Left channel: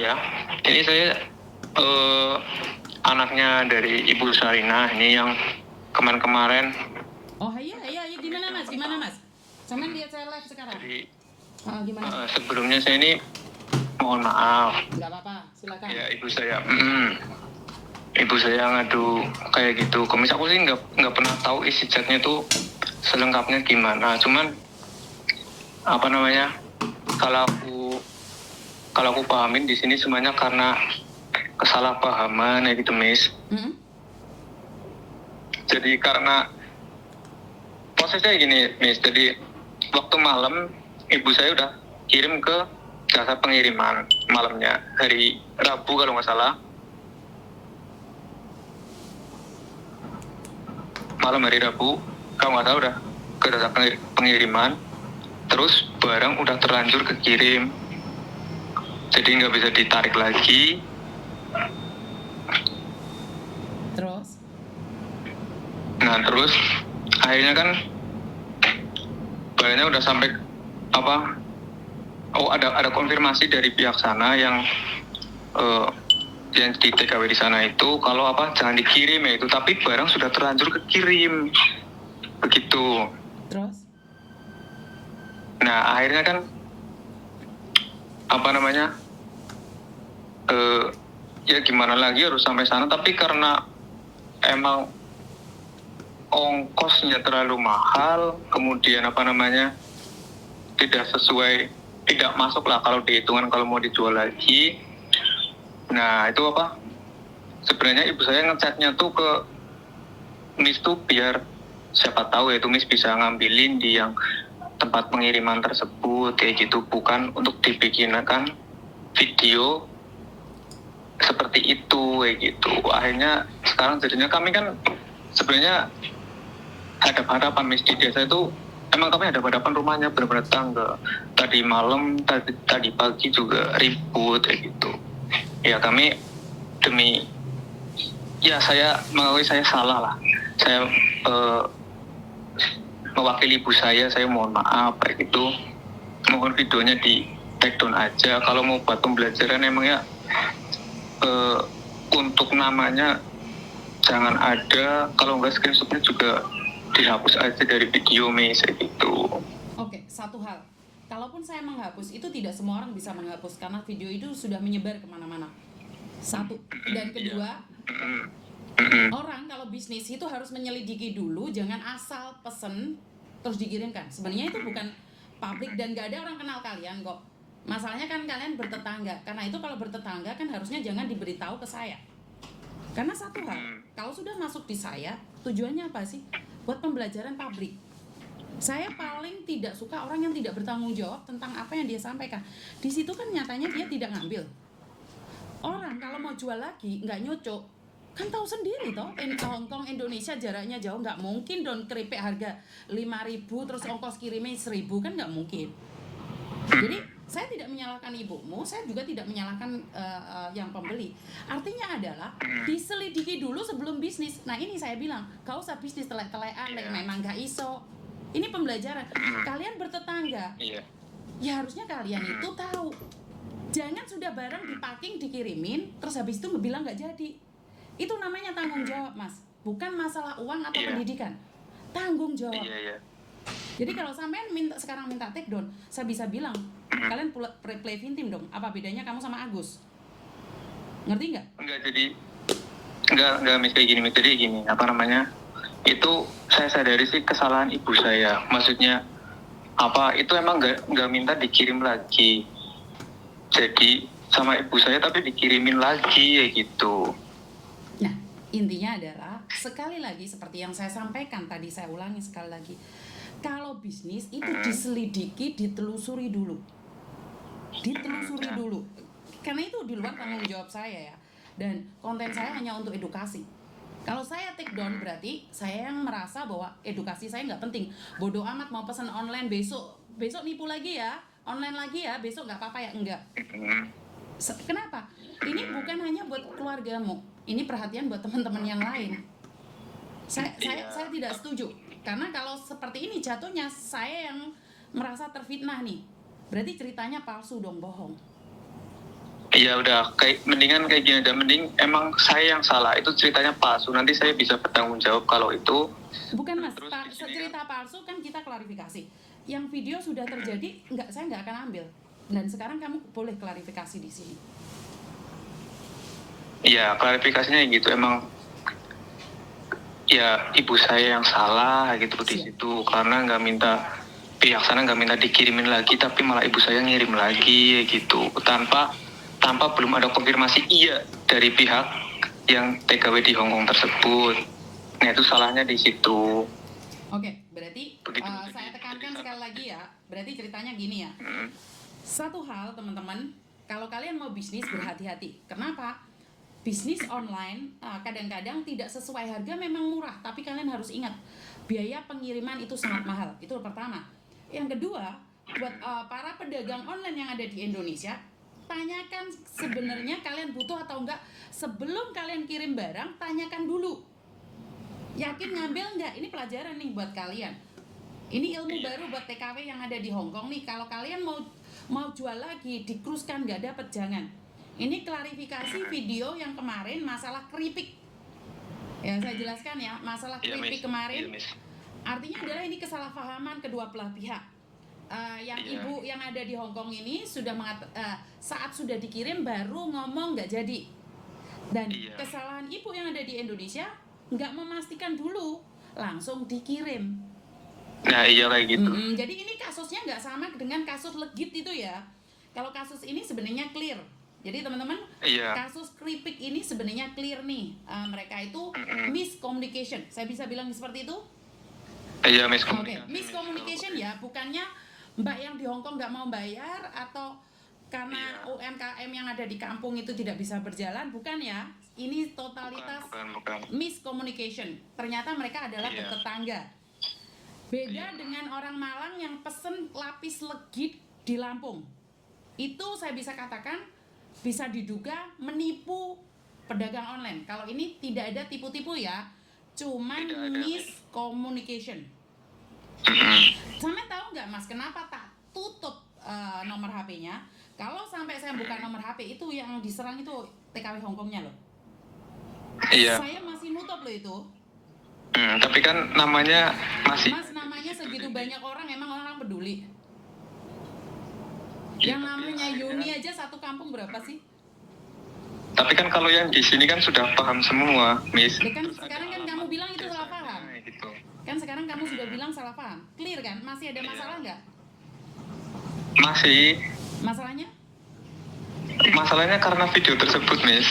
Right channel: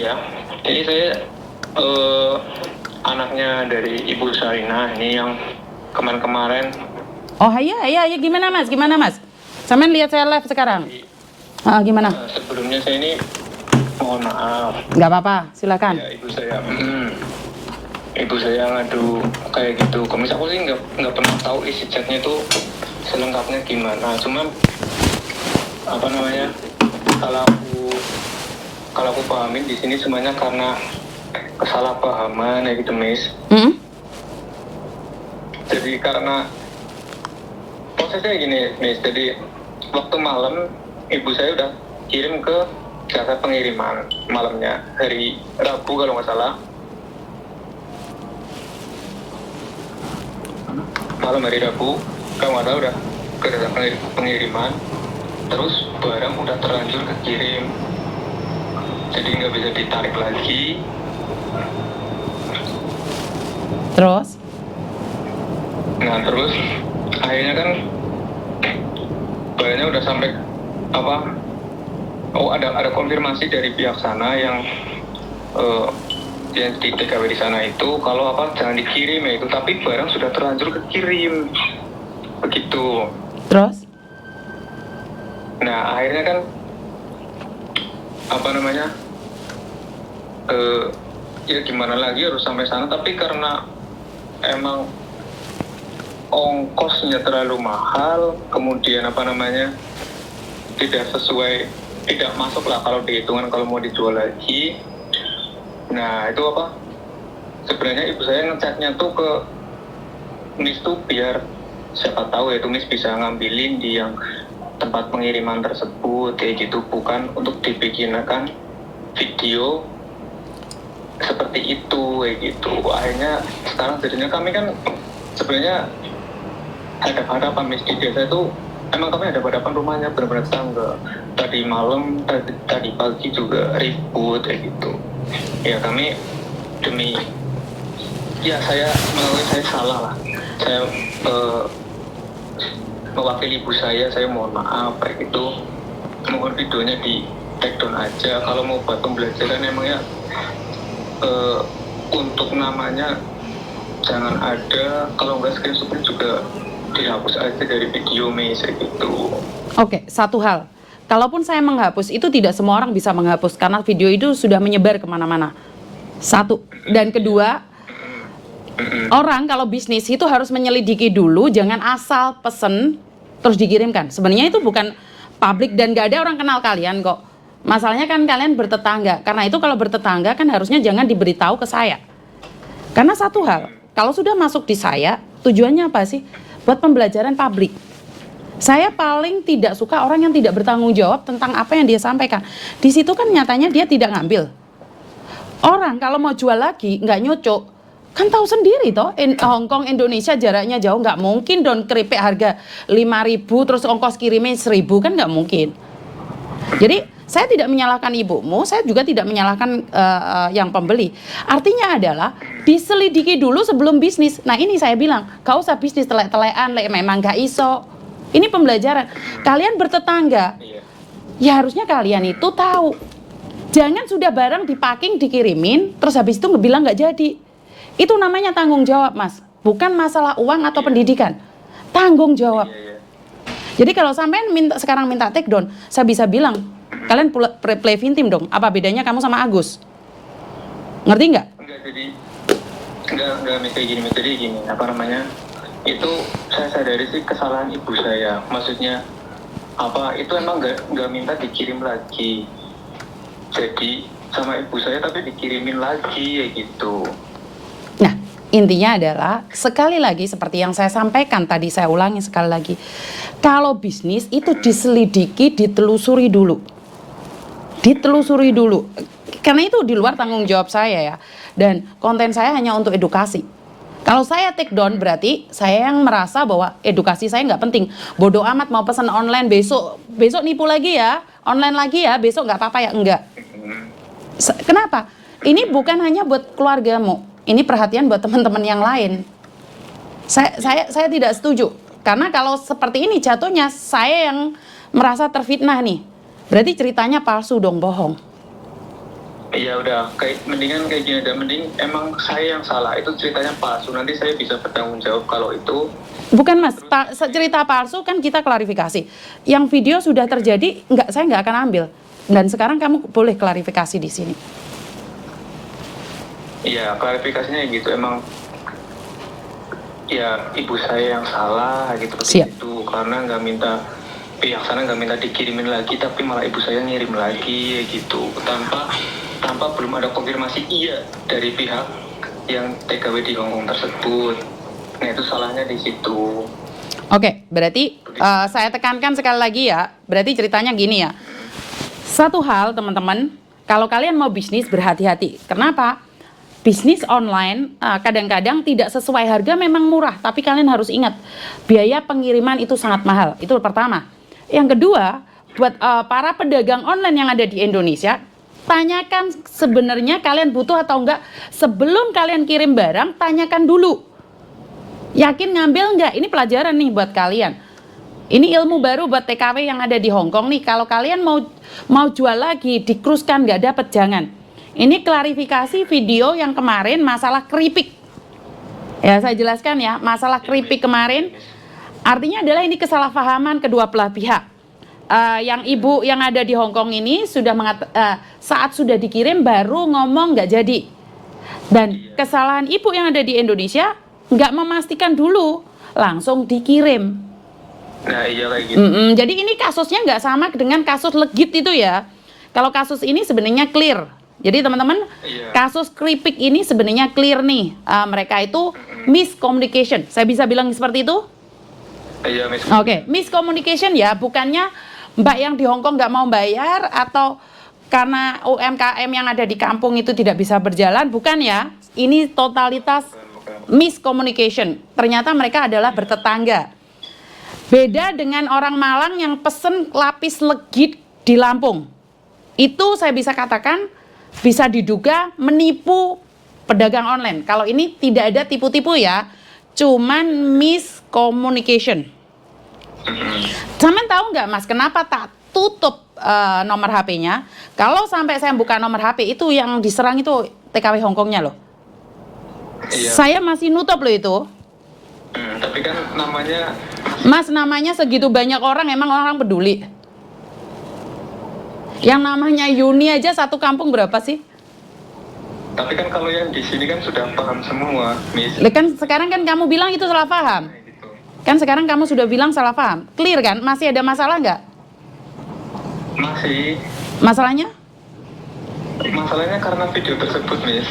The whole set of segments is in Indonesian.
Iya, ini saya anaknya dari Ibu Sarina ini yang kemarin-kemarin. Oh iya, gimana mas? Sampean lihat saya live sekarang. Gimana? Sebelumnya saya ini mohon maaf. Nggak apa-apa, silakan. Ya ibu saya ngadu kayak gitu. Komis aku sih nggak pernah tahu isi chatnya tuh selengkapnya gimana. Cuman apa namanya? Kalau aku pahamin di sini semuanya karena kesalahpahaman ya gitu, Miss. Jadi karena prosesnya gini, Miss. Jadi waktu malam ibu saya udah kirim ke jasa pengiriman malamnya hari Rabu kalau nggak salah. Malam hari Rabu kalau nggak salah udah ke jasa pengiriman. Terus barang udah terlanjur kekirim. Jadi nggak bisa ditarik lagi. Terus? Nah terus akhirnya kan barangnya udah sampai apa? Oh ada konfirmasi dari pihak sana yang di TKW di sana itu kalau apa jangan dikirim ya itu, tapi barang sudah terlanjur kekirim begitu. Terus? Nah akhirnya kan apa namanya ya gimana lagi harus sampai sana, tapi karena emang ongkosnya terlalu mahal, kemudian apa namanya tidak masuk lah kalau dihitungan kalau mau dijual lagi. Nah itu apa sebenarnya ibu saya ngechatnya tuh ke Miss tuh biar siapa tahu ya itu Miss bisa ngambilin di yang tempat pengiriman tersebut kayak gitu, bukan untuk dibikinkan video seperti itu kayak gitu. Akhirnya sekarang jadinya kami kan sebenarnya hadap-hadapan Miss di desa itu, emang kami hadap-hadapan rumahnya benar-benar tangga. Tadi malam, tadi pagi juga ribut kayak gitu. Ya kami demi saya mengakui saya salah lah. Saya mewakili ibu saya mohon maaf kayak gitu. Mohon videonya di take down aja. Kalau mau buat pembelajaran emangnya untuk namanya jangan ada, kalau nggak screenshotnya juga dihapus aja dari video Miss gitu. Oke, satu hal. Kalaupun saya menghapus, itu tidak semua orang bisa menghapus karena video itu sudah menyebar kemana-mana. Satu. Dan kedua, orang kalau bisnis itu harus menyelidiki dulu, jangan asal pesen terus dikirimkan. Sebenarnya itu bukan publik dan gak ada orang kenal kalian kok. Masalahnya kan kalian bertetangga. Karena itu kalau bertetangga kan harusnya jangan diberitahu ke saya. Karena satu hal, kalau sudah masuk di saya, tujuannya apa sih? Buat pembelajaran publik. Saya paling tidak suka orang yang tidak bertanggung jawab tentang apa yang dia sampaikan. Di situ kan nyatanya dia tidak ngambil. Orang kalau mau jual lagi nggak nyocok, kan tahu sendiri toh, Hongkong Indonesia jaraknya jauh, nggak mungkin don keripik harga 5.000 terus ongkos kirimnya 1.000, kan nggak mungkin. Jadi saya tidak menyalahkan ibumu, saya juga tidak menyalahkan yang pembeli. Artinya adalah diselidiki dulu sebelum bisnis. Nah ini saya bilang, gak usah bisnis telek-telekan, memang gak iso. Ini pembelajaran. Kalian bertetangga, ya harusnya kalian itu tahu. Jangan sudah barang dipacking, dikirimin, terus habis itu bilang gak jadi. Itu namanya tanggung jawab, Mas. Bukan masalah uang atau pendidikan. Tanggung jawab. Jadi kalau sampean sekarang minta take down, saya bisa bilang, kalian play victim dong. Apa bedanya kamu sama Agus? Ngerti nggak? Enggak kayak gini. Jadi gini, apa namanya? Itu saya sadari sih kesalahan ibu saya. Maksudnya apa? Itu emang nggak minta dikirim lagi. Jadi sama ibu saya tapi dikirimin lagi ya gitu. Nah, intinya adalah sekali lagi seperti yang saya sampaikan tadi, saya ulangi sekali lagi. Kalau bisnis itu diselidiki, ditelusuri dulu. Karena itu di luar tanggung jawab saya ya. Dan konten saya hanya untuk edukasi. Kalau saya take down berarti saya yang merasa bahwa edukasi saya nggak penting. Bodoh amat mau pesan online besok nipu lagi ya, online lagi ya, besok nggak apa-apa ya, enggak. Kenapa? Ini bukan hanya buat keluargamu. Ini perhatian buat teman-teman yang lain. Saya tidak setuju. Karena kalau seperti ini jatuhnya saya yang merasa terfitnah nih. Berarti ceritanya palsu dong, bohong. Iya udah kayak mendingan kayak gini dan mending emang saya yang salah, itu ceritanya palsu, nanti saya bisa bertanggung jawab kalau itu. Bukan Mas, cerita palsu kan kita klarifikasi. Yang video sudah terjadi, saya nggak akan ambil. Dan sekarang kamu boleh klarifikasi di sini. Iya klarifikasinya yang gitu, emang ya ibu saya yang salah gitu Siap. begitu, karena nggak minta pihak sana nggak minta dikirimin lagi, tapi malah ibu saya ngirim lagi gitu tanpa belum ada konfirmasi iya dari pihak yang TKW di Hongkong tersebut. Nah itu salahnya di situ. Oke, berarti saya tekankan sekali lagi ya. Berarti ceritanya gini ya. Satu hal teman-teman, kalau kalian mau bisnis berhati-hati. Kenapa? Bisnis online kadang-kadang tidak sesuai harga memang murah, tapi kalian harus ingat biaya pengiriman itu sangat mahal. Itu pertama. Yang kedua, buat para pedagang online yang ada di Indonesia, tanyakan sebenarnya kalian butuh atau enggak. Sebelum kalian kirim barang, tanyakan dulu. Yakin ngambil enggak? Ini pelajaran nih buat kalian. Ini ilmu baru buat TKW yang ada di Hongkong nih. Kalau kalian mau jual lagi, dikruskan nggak dapet, jangan. Ini klarifikasi video yang kemarin masalah keripik. Ya, saya jelaskan ya, masalah keripik kemarin. Artinya adalah ini kesalahpahaman kedua belah pihak. Yang ibu yang ada di Hongkong ini sudah saat sudah dikirim baru ngomong nggak jadi. Dan kesalahan ibu yang ada di Indonesia nggak memastikan dulu, langsung dikirim. Nah iya kayak gitu. Jadi ini kasusnya nggak sama dengan kasus legit itu ya. Kalau kasus ini sebenarnya clear. Jadi teman-teman, kasus keripik ini sebenarnya clear nih. Mereka itu miscommunication. Saya bisa bilang seperti itu? Iya, miscommunication. Oke, miscommunication ya. Bukannya Mbak yang di Hongkong nggak mau bayar atau karena UMKM yang ada di kampung itu tidak bisa berjalan. Bukan ya. Ini totalitas miscommunication. Ternyata mereka adalah bertetangga. Beda dengan orang Malang yang pesen lapis legit di Lampung. Itu saya bisa katakan bisa diduga menipu pedagang online. Kalau ini tidak ada tipu-tipu ya, cuman miscommunication. Sampean tahu nggak Mas, kenapa tak tutup nomor HP-nya? Kalau sampai saya buka nomor HP itu yang diserang itu TKW Hongkongnya loh. Iya. Saya masih nutup loh itu. Tapi kan namanya Mas, namanya segitu banyak orang, emang orang peduli? Yang namanya Yuni aja satu kampung berapa sih? Tapi kan kalau yang di sini kan sudah paham semua, Miss. Kan sekarang kan kamu bilang itu salah paham. Gitu. Kan sekarang kamu sudah bilang salah paham. Clear kan? Masih ada masalah nggak? Masih. Masalahnya? Masalahnya karena video tersebut, Miss.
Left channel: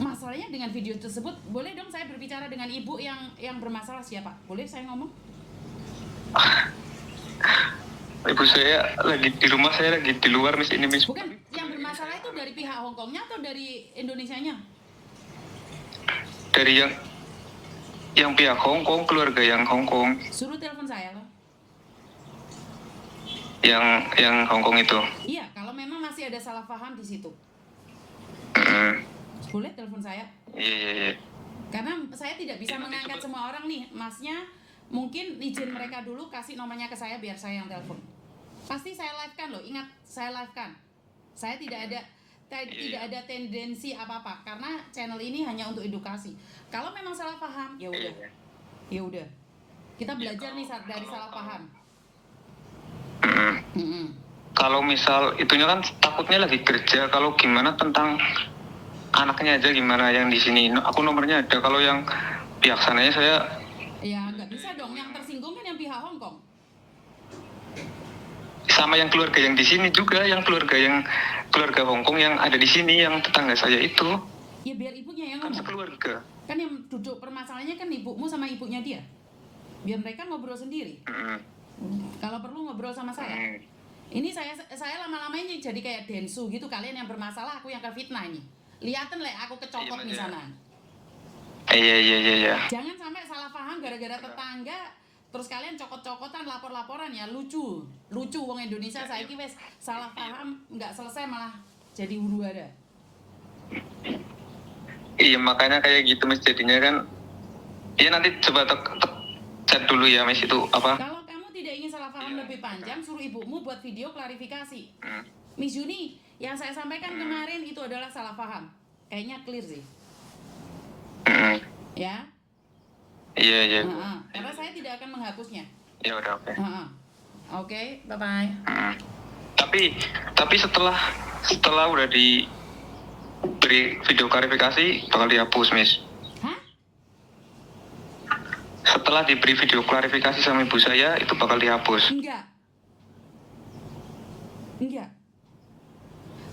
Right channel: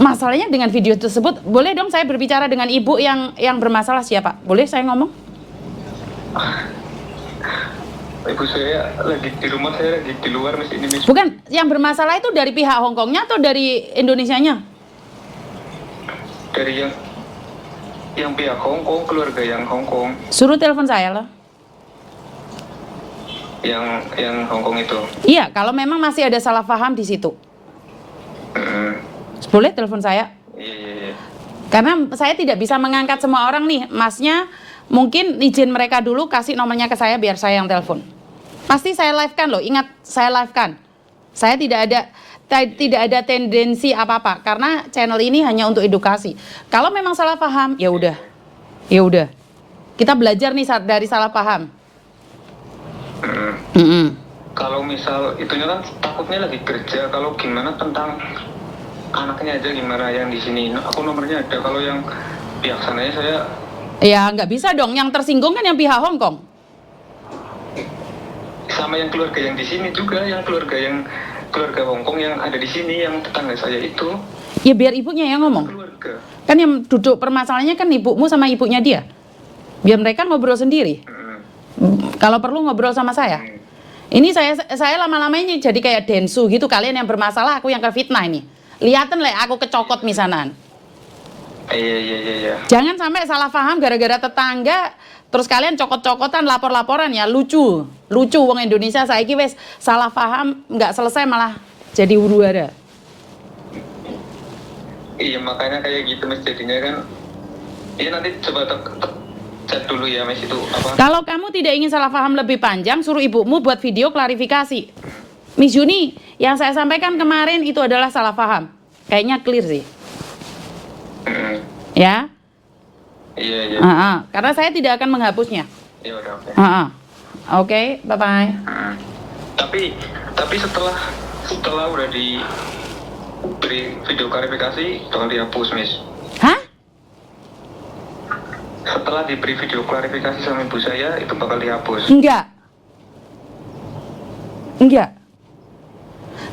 Masalahnya dengan video tersebut, boleh dong saya berbicara dengan ibu yang bermasalah siapa? Boleh saya ngomong? Ibu saya lagi di rumah, saya lagi di luar, Miss, ini, Miss. Bukan, yang bermasalah itu dari pihak Hongkongnya atau dari Indonesianya? Dari yang pihak Hongkong, keluarga yang Hongkong, Suruh telepon saya loh. yang Hongkong itu. Iya, kalau memang masih ada salah paham di situ. Boleh telepon saya? Iya. Karena saya tidak bisa mengangkat semua orang nih. Masnya mungkin izin mereka dulu kasih nomornya ke saya biar saya yang telepon. Pasti saya live-kan loh. Ingat, saya live-kan. Saya tidak ada tendensi apa-apa karena channel ini hanya untuk edukasi. Kalau memang salah paham, ya udah. Ya udah. Kita belajar nih dari salah paham. Kalau misal itunya kan takutnya lagi kerja, kalau gimana tentang anaknya aja gimana yang di sini? Aku nomornya ada, kalau yang pihak sananya saya. Ya nggak bisa dong, yang tersinggung kan yang pihak Hongkong. Sama yang keluarga yang di sini juga, yang keluarga Hongkong yang ada di sini, yang tetangga saya itu. Ya biar ibunya yang ngomong. Keluarga. Kan yang duduk permasalahannya kan ibumu sama ibunya dia. Biar mereka ngobrol sendiri. Kalau perlu ngobrol sama saya. Ini saya lama-lama ini jadi kayak densu gitu, kalian yang bermasalah, aku yang kefitnah ini. Lihatin lah aku kecokot misanan. Iya. Jangan sampai salah paham gara-gara tetangga, terus kalian cokot-cokotan, lapor-laporan ya, lucu wong Indonesia saiki wes salah paham nggak selesai malah jadi huru-hara. Iya makanya kayak gitu Mas, jadinya kan. Iya nanti coba chat dulu ya Miss, itu apa? Kalau kamu tidak ingin salah paham lebih panjang, suruh ibumu buat video klarifikasi. Miss Juni, yang saya sampaikan kemarin itu adalah salah paham. Kayaknya clear sih. Mm, Ya? iya iya. Karena saya tidak akan menghapusnya. Ya udah oke. Oke, bye-bye. Tapi setelah udah diberi video klarifikasi bakal dihapus Miss. Hah? Setelah diberi video klarifikasi sama ibu saya itu bakal dihapus. Enggak.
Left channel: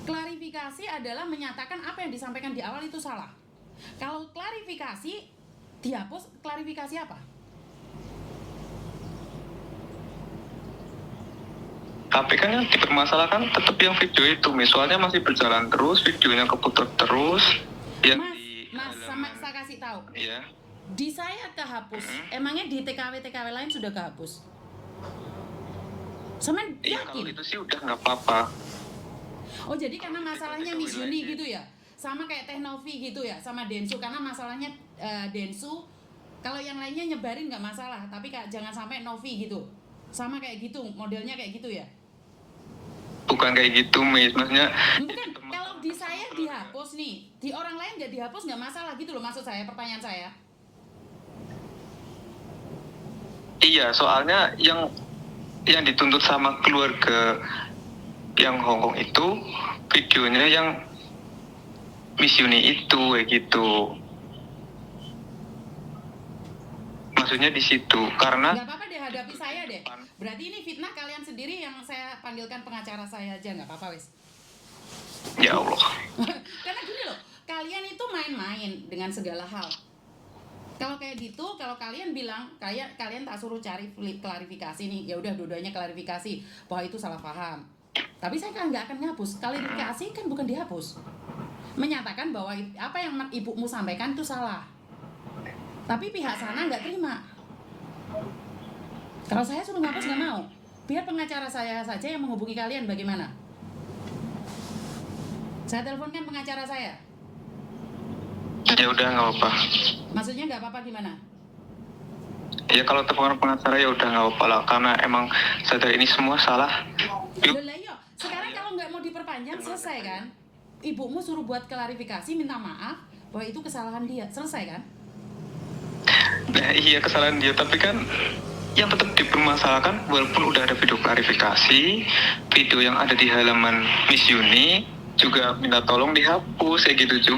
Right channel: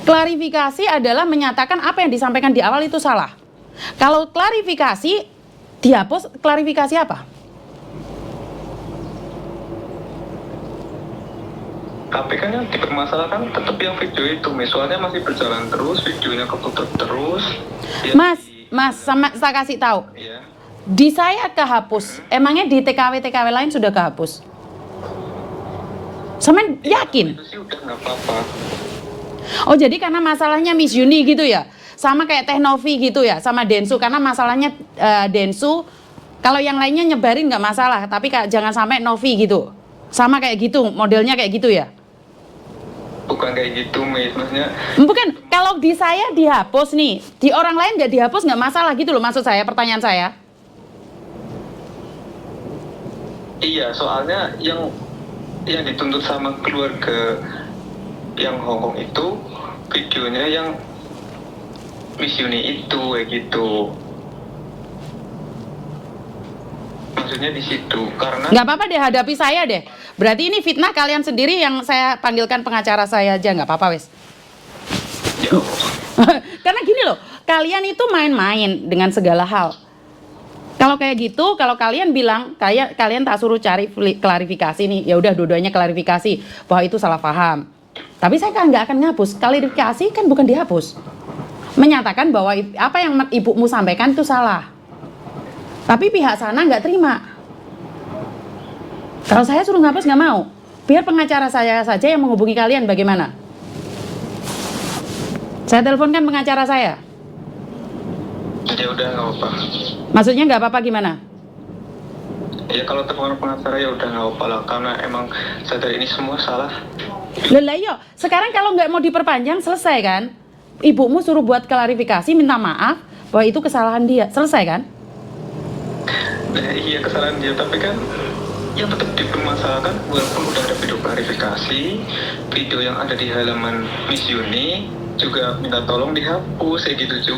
Klarifikasi adalah menyatakan apa yang disampaikan di awal itu salah. Kalau klarifikasi dihapus, klarifikasi apa? Tapi kan yang dipermasalahkan tetap yang video itu Miss, soalnya masih berjalan terus, videonya keputar terus. Ya, Mas, sama saya kasih tahu. Iya. Di saya kehapus. Emangnya di TKW lain sudah kehapus? Sama yakin? Itu sih udah nggak apa-apa. Oh, jadi karena masalahnya Miss Yuni gitu ya? Sama kayak Teh Novi gitu ya? Sama Densu, karena masalahnya Densu, kalau yang lainnya nyebarin nggak masalah, tapi jangan sampai Novi gitu. Sama kayak gitu, modelnya kayak gitu ya? Bukan kayak gitu Miss, maksudnya Bukan, kalau di saya dihapus nih, di orang lain nggak dihapus nggak masalah gitu loh, maksud saya, pertanyaan saya. iya, soalnya yang dituntut sama keluarga yang Hongkong itu videonya yang Miss Yuni itu kayak gitu. Maksudnya di situ karena Nggak apa-apa deh, hadapi saya deh. Berarti ini fitnah kalian sendiri yang saya panggilkan pengacara saya aja, nggak apa-apa wes. ya Allah. Karena gini loh, kalian itu main-main dengan segala hal. Kalau kayak gitu, kalau kalian bilang, kalian tak suruh cari klarifikasi nih, ya udah dua-duanya klarifikasi bahwa itu salah paham. Tapi saya kan nggak akan ngapus. Klarifikasi kan bukan dihapus. Menyatakan bahwa apa yang ibumu sampaikan itu salah. Tapi pihak sana nggak terima. Kalau saya suruh ngapus nggak mau. Biar pengacara saya saja yang menghubungi kalian, bagaimana? Saya teleponkan pengacara saya. Ya udah nggak apa. Maksudnya nggak apa-apa gimana? Ya kalau telepon pengacara ya udah nggak apa lah, karena emang sadar ini semua salah. Lah iya, sekarang kalau nggak mau diperpanjang selesai kan? Ibumu suruh buat klarifikasi, minta maaf bahwa itu kesalahan dia, selesai kan? Nah, iya kesalahan dia, tapi kan yang tetap dipermasalahkan walaupun udah ada video klarifikasi, video yang ada di halaman Miss Yuni juga minta tolong dihapus kayak gitu juga.